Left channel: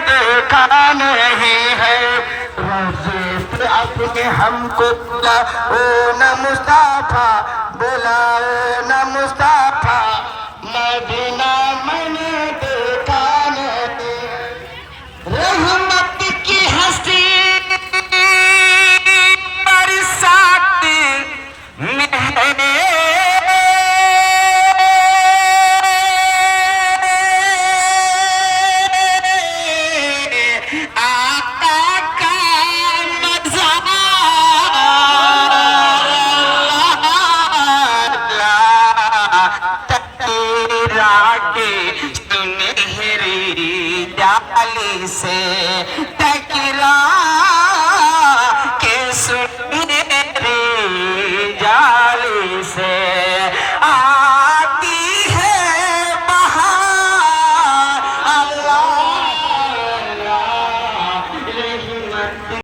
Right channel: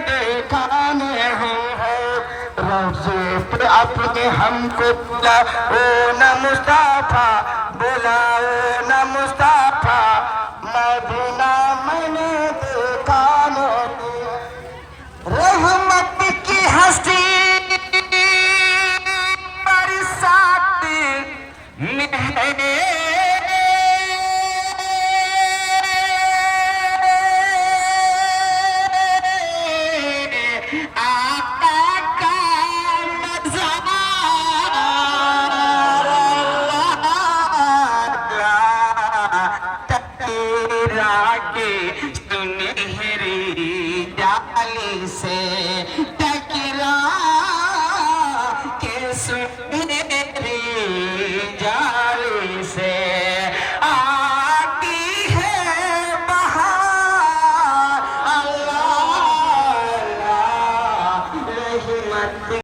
देखा नहीं है। रोज़े पे अपने हमको बुलाओ ना मुस्ताफा, बुलाओ ना मुस्ताफा, मदीना मैंने देखा नहीं। रहमत की हस्ती बरसाती में है, सुनहरी डाली से टकरा के सुनहरी जाली से